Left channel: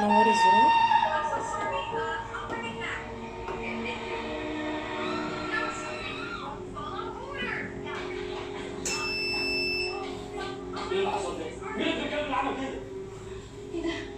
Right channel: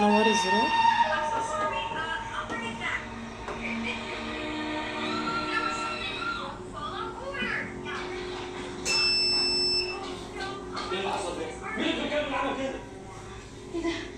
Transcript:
نوري الزرار. ايه اللي حصل ده؟ مين اللي كان بيعمل كده؟ ايه ده؟